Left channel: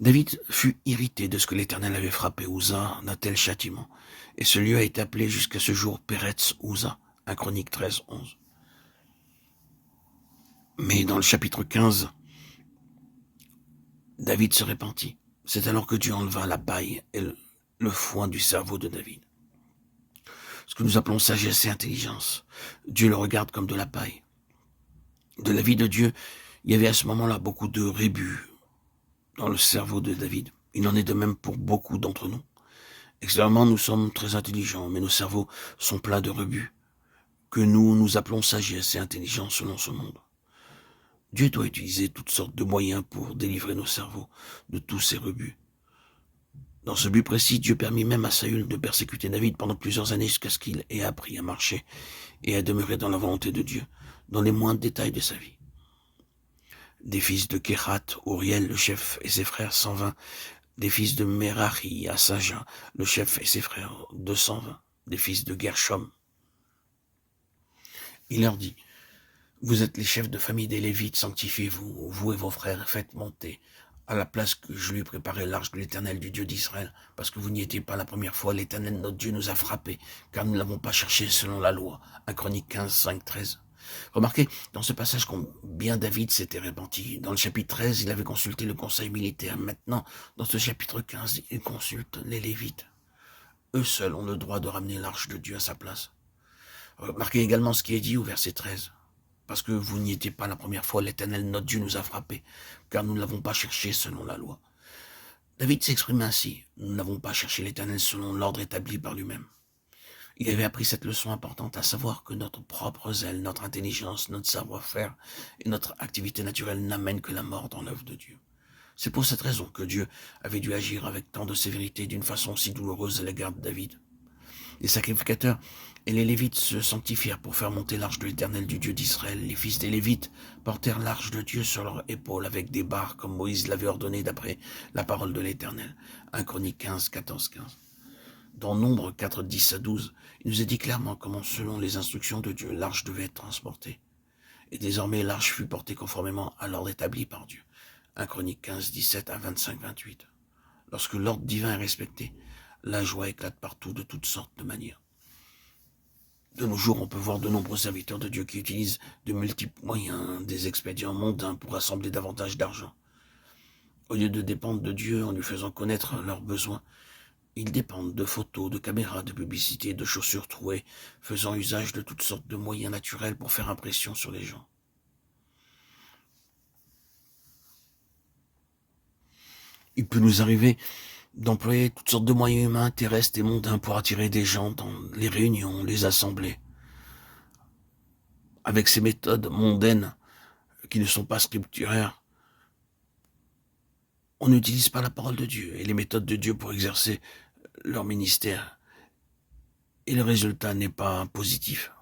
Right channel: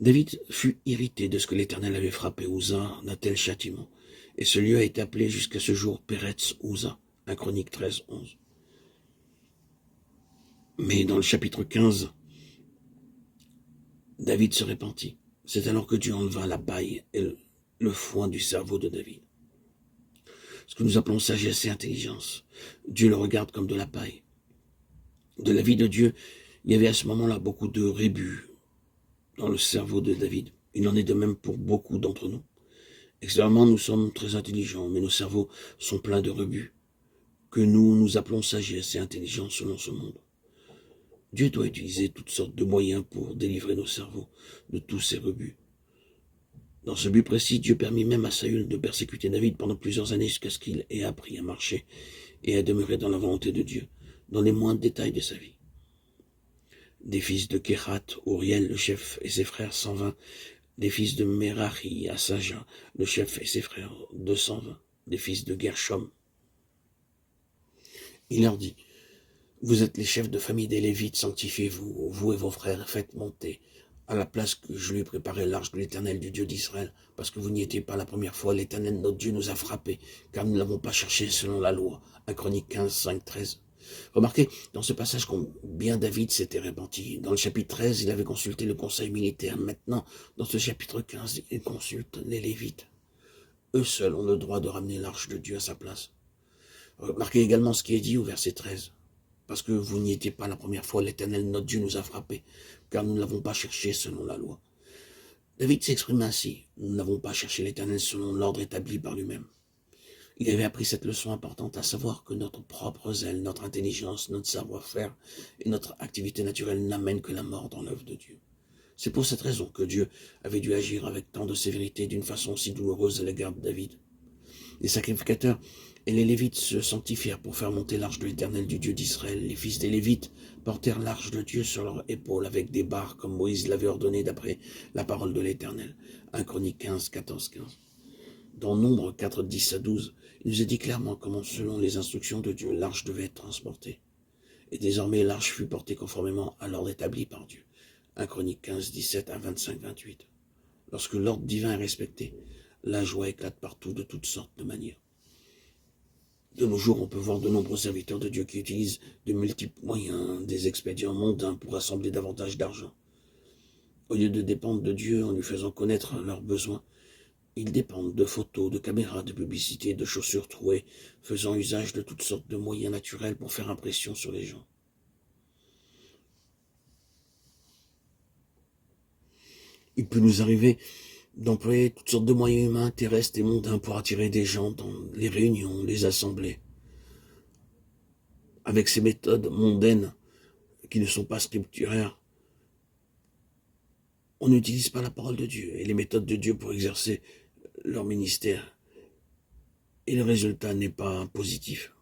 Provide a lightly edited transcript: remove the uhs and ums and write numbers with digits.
David fut irrité de ce que l'Éternel avait frappé Uza d'un tel châtiment, et ce lieu a été appelé jusqu'à ce jour Péretz Uza, 1 Chronique 13, 11. Mais dans le chapitre 15, David se repentit. C'est alors que Dieu enleva la paille et le foin du cerveau de David. Ce que nous appelons sagesse et intelligence, Dieu le regarde comme de la paille. De la vie de Dieu, il y avait à ce moment-là beaucoup de rébus dans le cerveau de David. Il en est de même pour beaucoup d'entre nous. Extérieurement, nous sommes très intelligents, mais nos cerveaux sont pleins de rebut, que nous appelons sagesse et intelligence selon ce monde. Dieu doit utiliser toutes sortes de moyens pour délivrer nos cerveaux de tous ces rebuts. Dans ce but précis, Dieu permit même à Saül de persécuter David pendant plusieurs années jusqu'à ce qu'il ait appris à marcher et à demeurer dans la volonté de Dieu, dans les moindres détails de sa vie. Des fils de Kéhat, Uriel, le chef, et ses frères, 120. Des fils de Merari, Asaja, le chef, et ses frères, 220. Des fils de Gershom. Il leur dit: vous êtes les chefs de famille des Lévites, sanctifiez-vous, vous et vos frères, faites monter à la place que je lui ai préparé l'arche de l'Éternel, du Dieu d'Israël, parce que vous n'y étiez pas la première fois. L'Éternel, notre Dieu, nous a frappés, car nous ne l'avons pas cherché selon la loi. 1 Chronique 15, 5, 13. Remarquez, dans ce passage, combien David s'était repenti. Dans le chapitre 13, il avait consulté le conseil militaire. Maintenant, dans ce chapitre 15, il consulte les Lévites. Eux seuls ont le droit de ramener l'arche de Dieu à sa place. Remarquez également ce qui est dit au verset 13. Parce que vous n'y étiez pas la première fois, l'Éternel, notre Dieu, nous a frappés, car nous ne l'avons pas cherché selon la loi. David s'exprime ainsi: nous n'avons pas cherché l'Éternel selon l'ordre établi par lui-même. Il avait appris cette leçon importante, à savoir que notre propre zèle, notre intelligence, notre savoir-faire et notre activité naturelle n'amènent que la mort dans l'œuvre de Dieu. C'est pour cette raison que Dieu avait dû agir avec tant de sévérité d'une façon si douloureuse à l'égard de David. Les sacrificateurs et les Lévites se sanctifièrent pour faire monter l'arche de l'Éternel, du Dieu d'Israël. Les fils des Lévites portèrent l'arche de Dieu sur leurs épaules avec des barres, comme Moïse l'avait ordonné d'après la parole de l'Éternel. 1 Chronique 15, 14, 15. Dans Nombre 4, 10 à 12, il nous est dit clairement comment, selon les instructions de Dieu, l'arche devait être transportée. Et désormais, l'arche fut portée conformément à l'ordre établi par Dieu. 1 Chronique 15, 17 à 25, 28. Lorsque l'ordre divin est respecté, la joie éclate partout de toutes sortes de manières. De nos jours, on peut voir de nombreux serviteurs de Dieu qui utilisent de multiples moyens, des expédients mondains pour rassembler davantage d'argent. Au lieu de dépendre de Dieu en lui faisant connaître leurs besoins, ils dépendent de photos, de caméras, de publicités, de chaussures trouées, faisant usage de toutes sortes de moyens naturels pour faire impression sur les gens. Il peut nous arriver d'employer toutes sortes de moyens humains, terrestres et mondains pour attirer des gens dans les réunions, les assemblées. Avec ces méthodes mondaines qui ne sont pas scripturaires, on n'utilise pas la parole de Dieu et les méthodes de Dieu pour exercer leur ministère. Et le résultat n'est pas positif.